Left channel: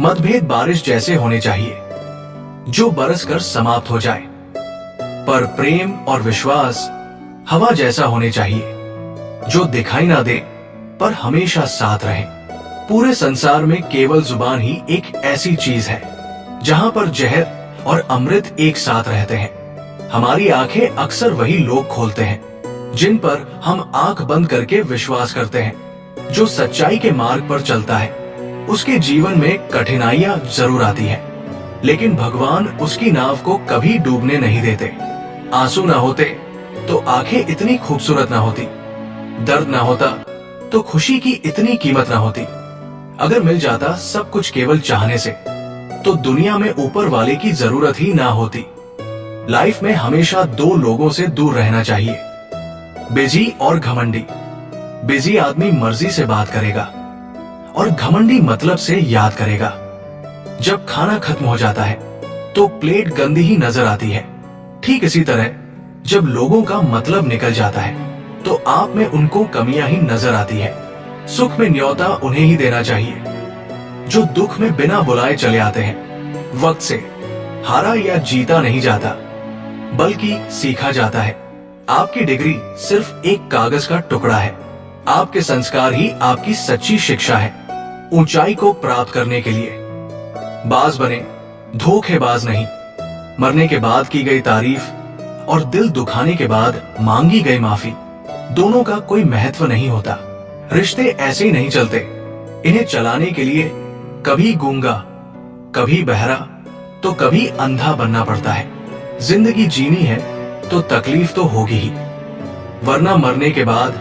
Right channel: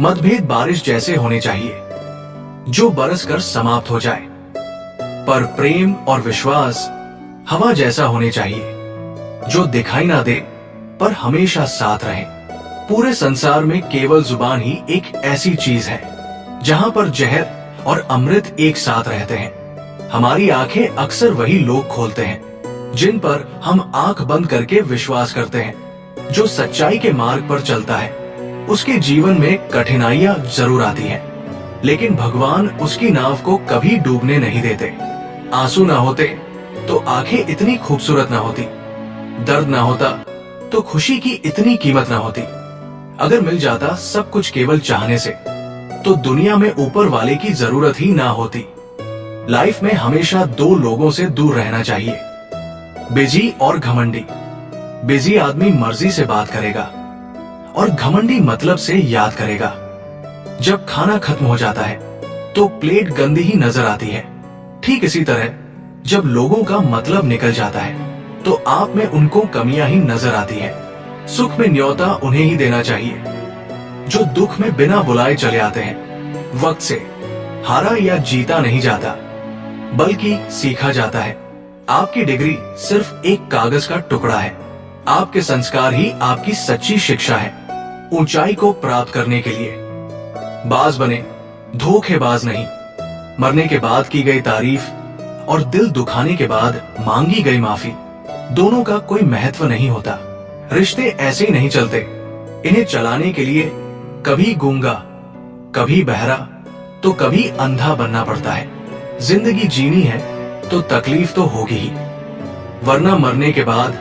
मतभेद बारिश जैसे होने चाहिए, जो बरस कर समाप्त हो जाए, पर प्रेम और विश्वास हवा जैसा होने चाहिए, जो दिखाई ना दे पर हमेशा साथ रहे। पूरे संसार में केवल जुबान ही एक ऐसी चीज है जहां पर जहर और अमृत एक साथ रहते हैं। हमारी आंखें अक्सर वही लोग खोलते हैं जिन पर हम आंख बंद करके विश्वास करते हैं। जो सच्चाई के मार्ग पर चलता है उसके जीवन में कठिनाइयां जरूर आती हैं, लेकिन भगवान उसकी नाव को कभी डूबने नहीं देते। आंसू ना होते तो आंखें इतनी खूबसूरत ना होती, दर्द ना होता तो खुशी की इतनी कीमत ना होती। अगर मिल जाता सब कुछ केवल चाहने से, तो दुनिया में ऊपर वाले की जरूरत ही ना होती। लाइफ में हमेशा दो लोगों से दूर रहना चाहिए, बिजी और घमंडी। बिजी आदमी मर्जी से बात करेगा और घमंडी मतलब से याद करेगा। जब खाना खत्म हो जाता है तो प्लेट गंदी ही नजर आती है। ठीक इसी तरह जब लोगों का मतलब निकल जाता है तो आप में उनको कमियां ही नजर आती है। सुख में न्योता उन्हें ही देना चाहिए जो दुख में बिना बुलाए चले आते हैं। वक्त से हारा या जीता नहीं जाता, बल्कि सीखा जाता है। आपकी डिग्री सिर्फ एक कागज का टुकड़ा है, आपके संस्कार ही आपकी सच्ची शिक्षा है। ऊंचाई को प्राप्त करने के लिए बाज बने, धोखेबाज नहीं। मरने के बाद की गई तारीफ और दिल दुखाने के बाद मांगी गई माफी, दोनों का कोई महत्व नहीं होता। रिश्ते ऐसे ही नहीं चलते, इन्हें चलाने के लिए कभी गूंगा, कभी बहरा, तो कभी अंधा बनना पड़ता है। जिंदगी जीनी है तो तकलीफ तो होगी ही, वरना मरने के बाद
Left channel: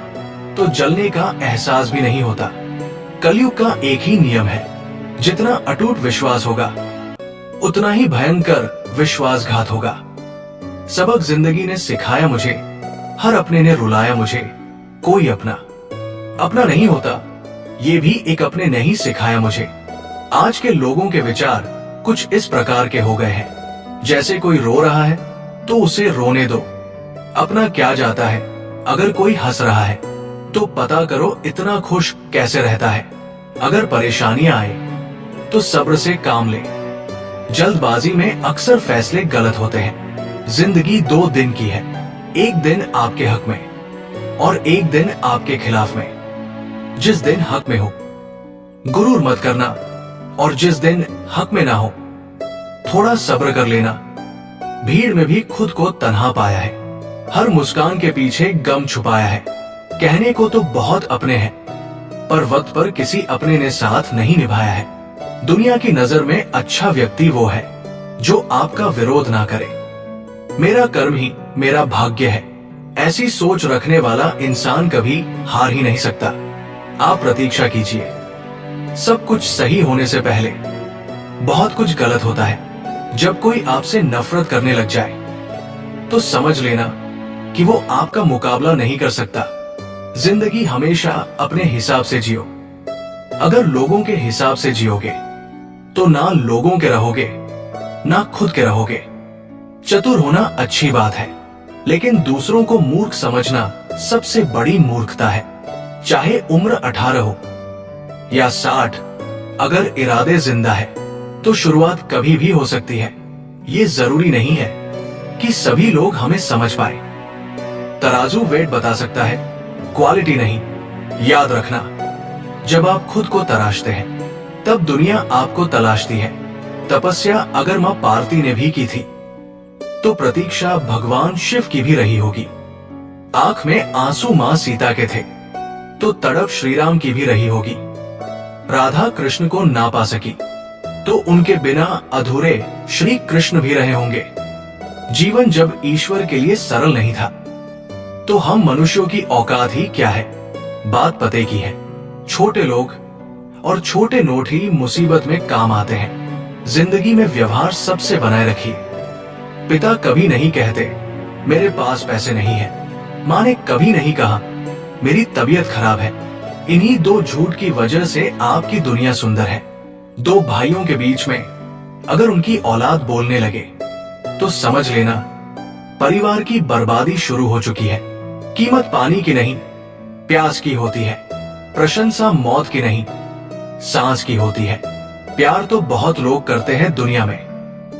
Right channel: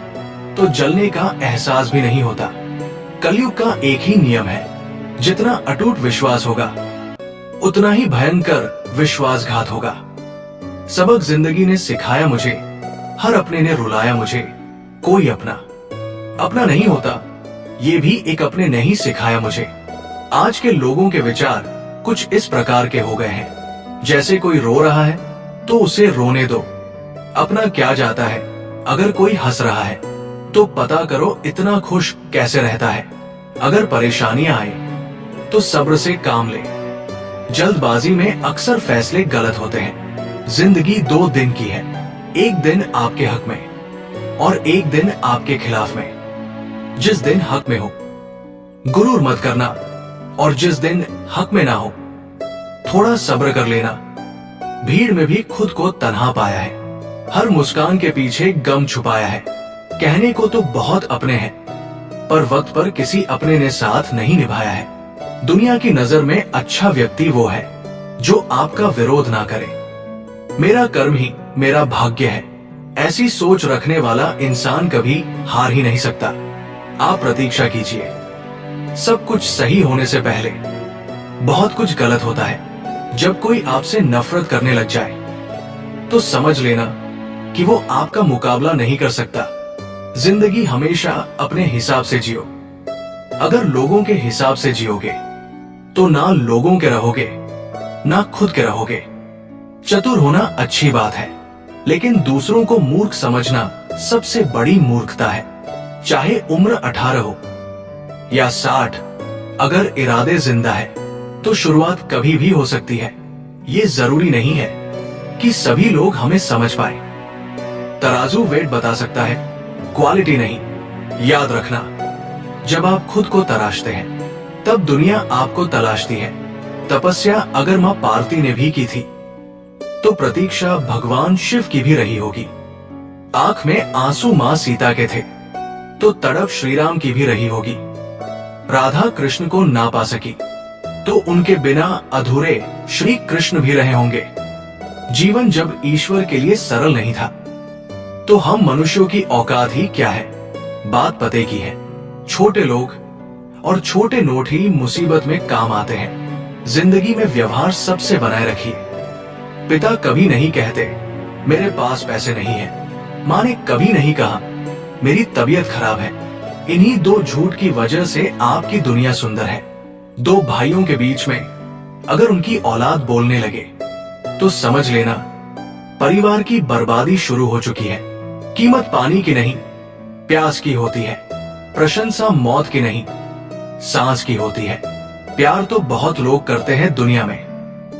तो जलने का एहसास भी नहीं होता। कलयुग का एक ही नियम है, जितना अटूट विश्वास होगा उतना ही भयंकर विश्वासघात होगा। सबक जिंदगी ने सिखाया मुझे, हर अपने ने रुलाया मुझे। कोई अपना नहीं होता, ये भी एक अपने ने ही सिखाया मुझे। आज के लोगों के विचार कुछ इस प्रकार के हो गए हैं, जैसे कोई रो रहा है तो उसे रोने दो। अपना क्या जाता है, अगर कोई हंस रहा है तो पता करो इतना खुश कैसे रहता है। अगर परेशानियां आए तो सब्र से काम ले। जल्दबाजी में अक्सर फैसले गलत होते हैं। जिंदगी 2 दिन की है, एक दिन आपके हक में और एक दिन आपके खिलाफ में। जिस दिन हक में हो गुरूर मत करना, और जिस दिन हक में ना हो थोड़ा सब्र कर लेना। भीड़ में भी खुद को तन्हा पाया है, हर मुस्कान के पीछे गम छुपाया है। कहने को तो बहुत अपने हैं, पर वक्त पर किसी अपने ने साथ नहीं निभाया है। दुनिया की नजर में अच्छा व्यक्ति वो है जो आपका विरोध ना करे। मेरा कर्म ही मेरा भाग्य है, ऐसी सोच रखने वाला इंसान कभी हार ही नहीं सकता। आप प्रतीक्षा कीजिए, सब कुछ सही होने से पहले बहुत कुछ गलत होता है। जब कोई आपसे नफरत करने लग जाए तो समझ लेना कि वो आपका मुकाबला नहीं कर सकता। जिंदगी हमेशा अपने हिसाब से जियो। अगर लोगों के हिसाब से जियोगे तो ना लोगों के रहोगे ना खुद के रहोगे। चतुर होना अच्छी बात है, लेकिन दूसरों को मूर्ख समझना सबसे बड़ी मूर्खता है। चाहे उम्र 18 हो या 60, अगर इरादे जिंदा है तो शुरुआत कभी भी हो सकती है। ये जरूरी नहीं है कि सभी लोग हमें समझ पाए। तराजू वेट बता सकता है, क्वालिटी नहीं। याद रखना, जब आप खुद को तराशते हैं तब दुनिया आपको तलाशती है। तपस्या अगर मां पार्वती ने भी की थी तो प्रतीक्षा भगवान शिव की भी रही होगी। आंख में आंसू मां सीता के थे तो तड़प श्री राम की भी रही होगी। राधा कृष्ण को ना पा सकी तो उनके बिना अधूरे श्री कृष्ण भी रहे होंगे। जीवन जब ईश्वर के लिए सरल नहीं था तो हम मनुष्यों की औकात ही क्या है। बात पते की है, छोटे लोग और छोटे नोट ही मुसीबत में काम आते हैं। जिंदगी में व्यवहार सबसे बनाए रखिए। पिता कभी नहीं कहते मेरे पास पैसे नहीं है, मां ने कभी नहीं कहा मेरी तबीयत खराब है। इन्हीं 2 झूठ की वजह से आपकी दुनिया सुंदर है। 2 भाइयों के बीच में अगर उनकी औलाद बोलने लगे तो समझ लेना परिवार की बर्बादी शुरू हो चुकी है। कीमत पानी की नहीं प्यास की होती है, प्रशंसा मौत की नहीं सांस की होती है। प्यार तो बहुत लोग करते हैं दुनिया में,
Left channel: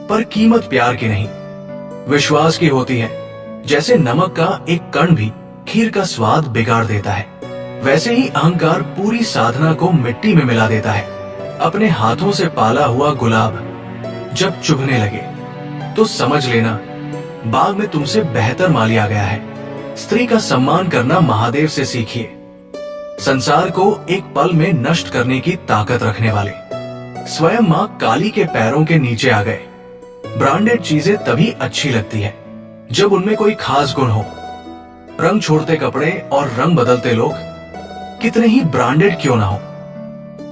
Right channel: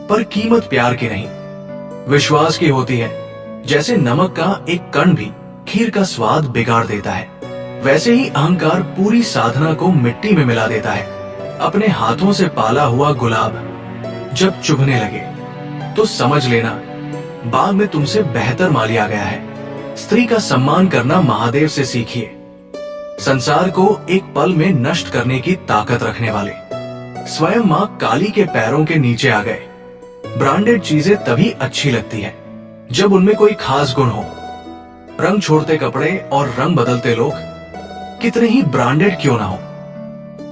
पर कीमत प्यार की नहीं, विश्वास की होती है। जैसे नमक का एक कण भी खीर का स्वाद बिगाड़ देता है, वैसे ही अहंकार पूरी साधना को मिट्टी में मिला देता है। अपने हाथों से पाला हुआ गुलाब जब चुभने लगे तो समझ लेना बाग में तुमसे बेहतर माली आ गया है। स्त्री का सम्मान करना महादेव से सीखिए, संसार को एक पल में नष्ट करने की ताकत रखने वाले। स्वयं मां काली के पैरों के नीचे आ गए। ब्रांडेड चीजें तभी अच्छी लगती है जब उनमें कोई खास गुण हो। रंग छोड़ते कपड़े और रंग बदलते लोग कितने ही ब्रांडेड क्यों ना हो,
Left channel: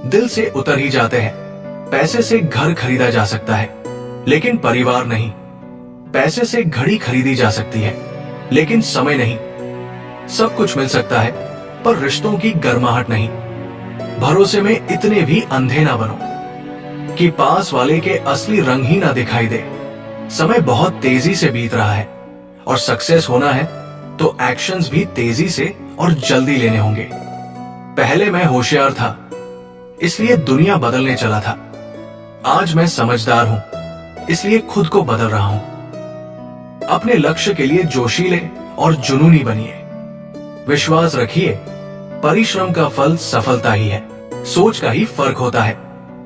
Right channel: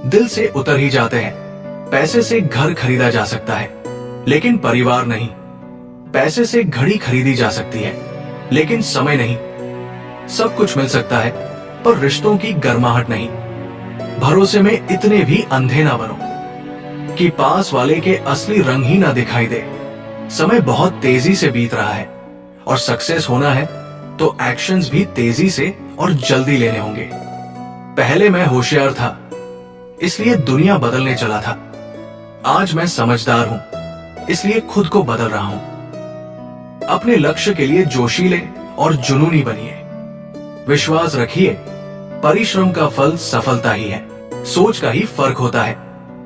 दिल से उतर ही जाते हैं। पैसे से घर खरीदा जा सकता है, लेकिन परिवार नहीं। पैसे से घड़ी खरीदी जा सकती है, लेकिन समय नहीं। सब कुछ मिल सकता है, पर रिश्तों की गर्माहट नहीं। भरोसे में इतने भी अंधे ना बनो कि पास वाले के असली रंग ही ना दिखाई दे। समय बहुत तेजी से बीत रहा है, और सक्सेस होना है तो एक्शंस भी तेजी से और जल्दी लेने होंगे। पहले मैं होशियार था, इसलिए दुनिया बदलने चला था। आज मैं समझदार हूं, इसलिए खुद को बदल रहा हूं। अपने लक्ष्य के लिए जोशीले और जुनूनी बनिए। विश्वास रखिए, परिश्रम का फल सफलता ही है। सोच का ही फर्क होता है,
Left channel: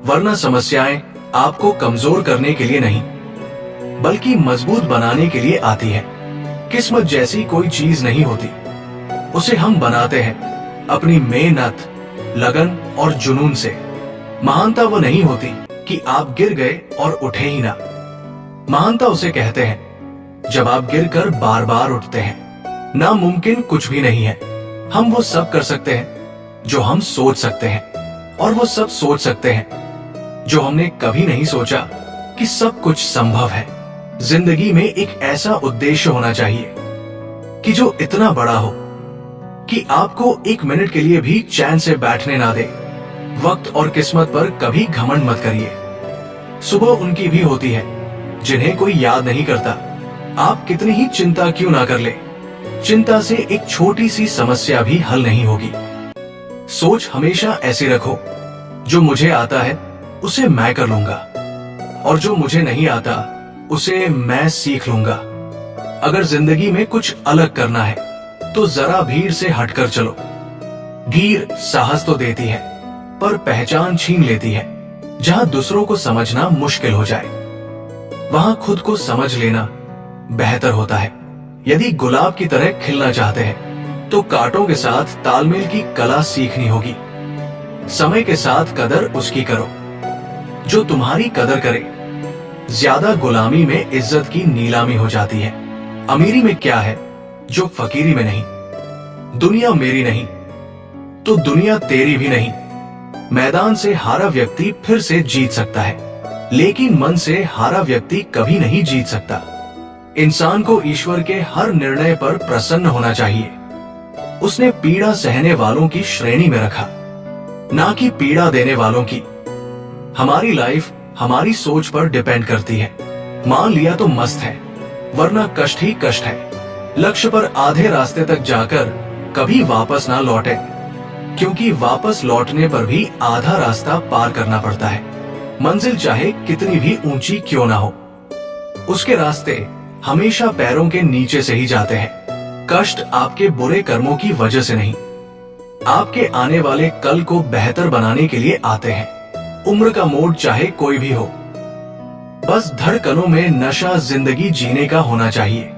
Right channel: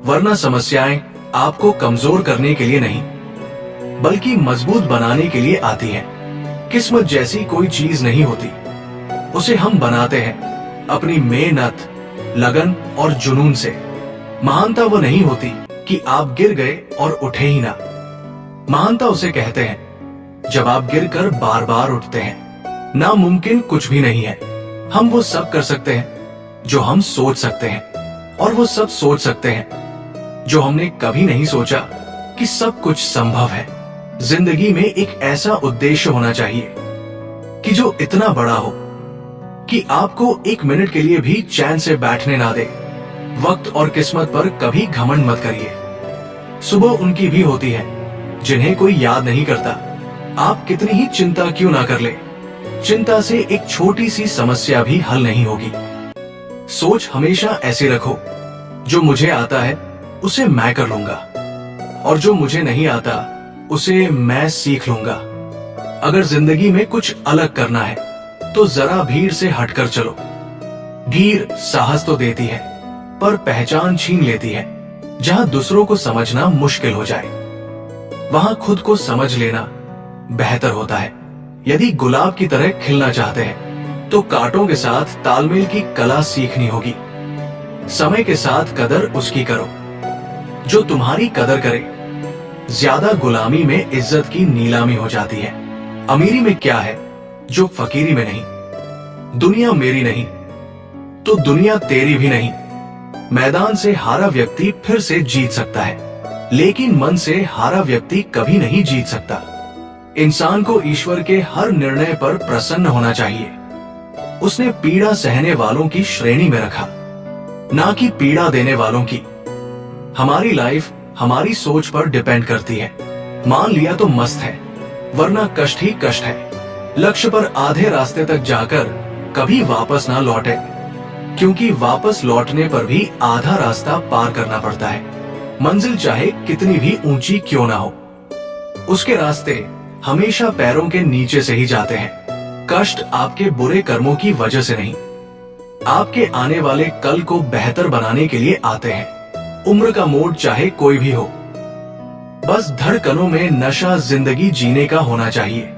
वरना समस्याएं आपको कमजोर करने के लिए नहीं, बल्कि मजबूत बनाने के लिए आती है। किस्मत जैसी कोई चीज नहीं होती, उसे हम बनाते हैं अपनी मेहनत, लगन और जुनून से। महानता वो नहीं होती कि आप गिर गए और उठे ही ना। महानता उसे कहते हैं जब आप गिरकर बार बार उठते हैं। नामुमकिन कुछ भी नहीं है। हम वो सब कर सकते हैं जो हम सोच सकते हैं, और वो सब सोच सकते हैं जो हमने कभी नहीं सोचा कि सब कुछ संभव है। जिंदगी में एक ऐसा उद्देश्य होना चाहिए कि जो इतना बड़ा हो कि आपको एक मिनट के लिए भी चैन से बैठने ना दे। वक्त और किस्मत पर कभी घमंड मत करिए। सुबह उनकी भी होती है जिन्हें कोई याद नहीं करता। आप कितनी ही चिंता क्यों ना कर ले, चिंता से एक छोटी सी समस्या भी हल नहीं होगी। सोच हमेशा ऐसी रखो, जो मुझे आता है उसे मैं कर लूंगा, और जो मुझे नहीं आता उसे मैं सीख लूंगा। अगर जिंदगी में कुछ अलग करना है तो जरा भीड़ से हटकर चलो। भीड़ साहस तो देती है, पर पहचान छीन लेती है। जहां दूसरों को समझना मुश्किल हो जाए, वहां खुद को समझ लेना बेहतर होता है। यदि गुलाब की तरह खिलना चाहते हैं तो कांटों के साथ तालमेल की कला सीखनी होगी। समय के साथ कदर उसकी करो जो तुम्हारी कदर करे। ज्यादा गुलामी में इज्जत की नीलामी हो जाती है। अमीरी में क्या है जो फकीरी में नहीं। दुनिया मेरी नहीं तो दुनिया तेरी भी नहीं। मैदान से हारा व्यक्ति फिर से जीत सकता है, लेकिन मन से हारा व्यक्ति कभी नहीं जीत सकता। इंसान को ईश्वर के हर निर्णय पर प्रसन्न होना चाहिए। उसने पीड़ा सहने वालों की श्रेणी में रखा, ना कि पीड़ा देने वालों की। हमारी लाइफ हमारी सोच पर डिपेंड करती है। मान लिया तो मस्त है, वरना कष्ट ही कष्ट है। लक्ष्य पर आधे रास्ते तक जाकर कभी वापस ना लौटे, क्योंकि वापस लौटने पर भी आधा रास्ता पार करना पड़ता है। मंजिल चाहे कितनी भी ऊंची क्यों ना हो, उसके रास्ते हमेशा पैरों के नीचे से ही जाते हैं। कष्ट आपके बुरे कर्मों की वजह से नहीं, आपके आने वाले कल को बेहतर बनाने के लिए आते हैं। उम्र का मोड़ चाहे कोई भी हो, बस धड़कनों में नशा जिंदगी जीने का होना चाहिए।